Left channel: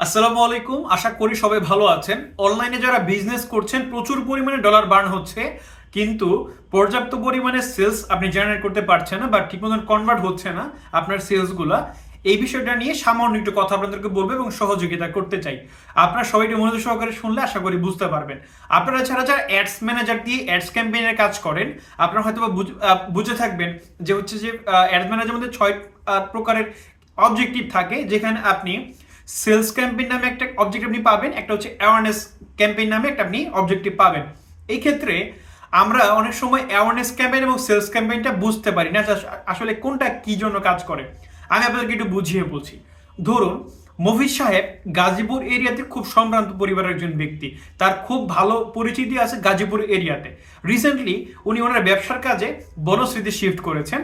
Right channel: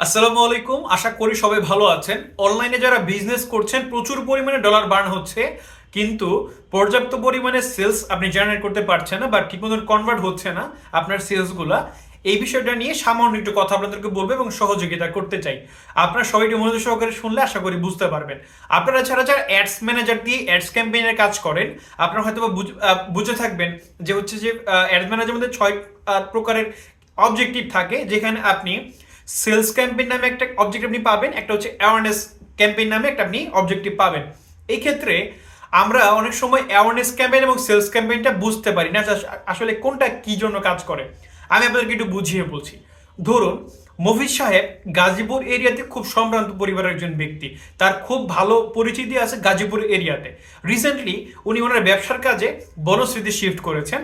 আসসালামু আলাইকুম, আশা করি সবাই ভালো আছেন। অনলাইনে যারা বিজনেস করছেন প্রচুর পরিমাণে ডলার বার্ন হচ্ছে, কিন্তু পর্যাপ্ত পরিমাণে সেলস আপনি জেনারেট করতে পারছেন না বা ঠিক মতন কনভার্ট হচ্ছে না আপনার সেলসগুলা। এই বিষয়টা নিয়ে সামান্য একটু কথা আপনাদেরকে বলবো এবং সহযোগিতা করতে চাই। আপনারা সবাই একটু মনোযোগ সহকারে শুনলে আশা করি বুঝতে পারবেন। আপনারা যারা যারা অ্যাডস ম্যানেজার দিয়ে অ্যাডস ক্যাম্পেইনের কাজ করেন, আপনারা হয়তো বুঝে থাকবেন যে হচ্ছে যে অ্যাডস ম্যানেজার মধ্যে 6 প্রকারের অবজেক্টিভ থাকে, যেখানে আপনি সেলস ক্যাম্পেইন নামে একটা অবজেক্টিভ আপনি পাবেন, একটা হচ্ছে অ্যাওয়ারনেস ক্যাম্পেইন নামে একটা আপনি অবজেক্টিভ পাবেন। এই ক্ষেত্রে আমরা অনেক সময় অ্যাওয়ারনেস ক্যাম্পেইন এবং সেলস ক্যাম্পেইনটা বুঝতে পারি না আসলে কোনটা কি জন্য কাজ করে। আমি আপনাদেরকে একটু বুঝিয়ে বলছি। ধরুন, মফিজ সাহেব গাজীপুর এরিয়াতে খুব সম্ভ্রান্ত পরিবারের একজন ব্যক্তি, তার খুব ভালো পরিচিতি আছে গাজীপুর এরিয়াতে। রিসেন্টলি উনি ওনার ব্যবসার কাজে বনশ্রীতে শিফট করেছেন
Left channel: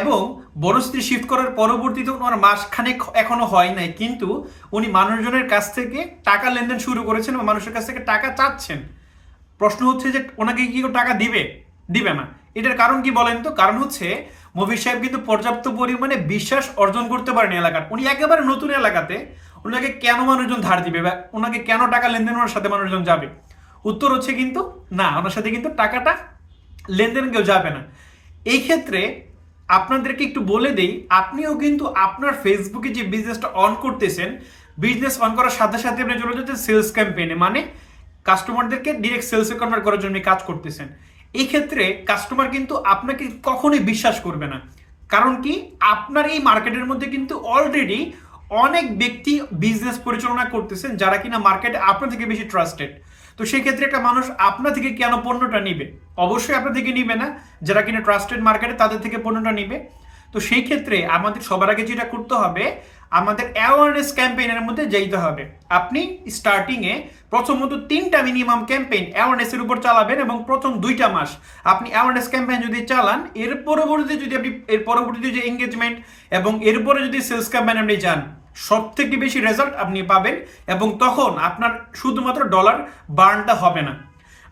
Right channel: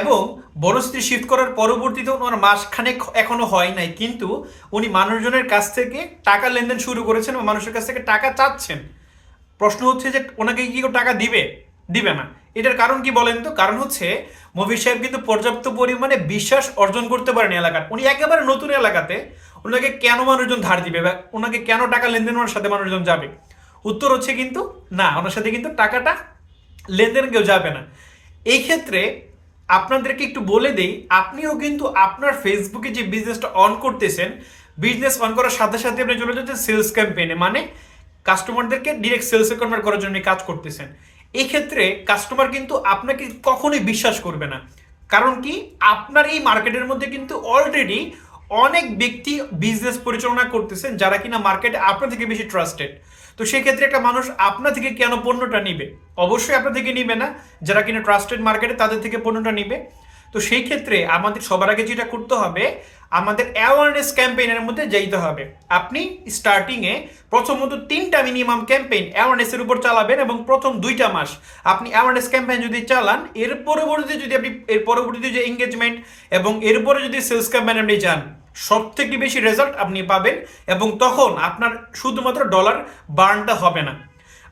এবং বনশ্রী শিফট করার পরবর্তীতে ওনার মাসখানেক এখনো হয় নাই, কিন্তু উনি মানুষজনের কাছ থেকে টাকা লেনদেন শুরু করেছেন এবং মানুষের কাছ থেকে টাকা চাচ্ছেন। প্রশ্ন হচ্ছে যে ওনাকে কি কেউ টাকা দিবে? দিবে না। এটার কারণ কি বলেন তো? কারণ হচ্ছে মফিজ সাহেব কিন্তু পর্যাপ্ত পরিমাণে বিশ্বাস অর্জন করতে পারেন এলাকার। উনি একেবারে নতুন এলাকাতে, ওনাকে কেন মানুষজন ধার দিবে বা ওনাকে কেন টাকা লেনদেন ওনার সাথে মানুষজন যাবে? উত্তর হচ্ছে কিন্তু না, ওনার সাথে কিন্তু টাকাটা লেনদেন কেউ যাবে না। এই ক্ষেত্রে আপনাদেরকে একটু বলে দেই, আপনিও কিন্তু আপনার ফেসবুকে যে বিজনেসটা অন করতেছেন, বিজনেস অন করার সাথে সাথে আপনি চলে যেতেন সেলস ক্যাম্পেইনে, মানে কাস্টমারদেরকে ডিরেক্ট সেলসে কনভার্ট করার জন্য কাজ করতেছেন। এই ক্ষেত্রে কাস্টমার কিন্তু আপনাকে কখনোই বিশ্বাস করবে না। কারণ কি, আপনার এই মার্কেটের মধ্যে কিন্তু অলরেডি অনেক ব্যক্তি বিজনেস পরিচালনা করতেছেন যারা কিনা মার্কেটে আপনার থেকে বেশি ট্রাস্টেড। তো সেই ক্ষেত্রে একটা মানুষ আপনার থেকে কেন পণ্যটা নিবে? অবশ্যই আপনার থেকে নিবে না, যারা কিনা ট্রাস্টেড মার্কেটে তাদের থেকে পণ্যটা নিবে। তো সেই ক্ষেত্রে আমাদের সবার আগে যেটা করতে হবে, আমাদের অ্যাওয়ারনেস ক্যাম্পেইনের মধ্যে যেতে হবে। আপনি স্টার্টিংয়ে প্রথমত 3টা মিনিমাম ক্যাম্পেইন অ্যাওয়ারনেসের উপর চালাবেন এবং প্রথম 2টা মাস আপনি অ্যাওয়ারনেস ক্যাম্পেইন যদি চালান, এর পরবর্তীতে যে এঙ্গেজমেন্ট এবং এরপরে যদি সেলস ক্যাম্পেইন আপনি যান, সব থেকে বেশি রেজাল্ট আপনি পাবেন এবং তখন আপনার শুধুমাত্র ডলার বার্নটা হবে না।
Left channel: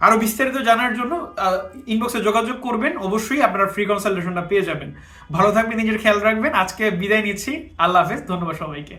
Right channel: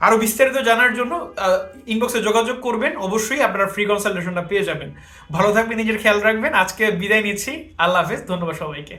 আরো বিস্তারিত জানার জন্য ইনবক্সে যোগাযোগ করবেন, অবশ্যই আপনারা ফ্রি কনসালটেশনটা পেয়ে যাবেন। ভালো থাকবেন, নিজের খেয়াল রাখবেন। আজকে বিদায় নিচ্ছি, আল্লাহ হাফেজ, ধন্যবাদ সবাইকে।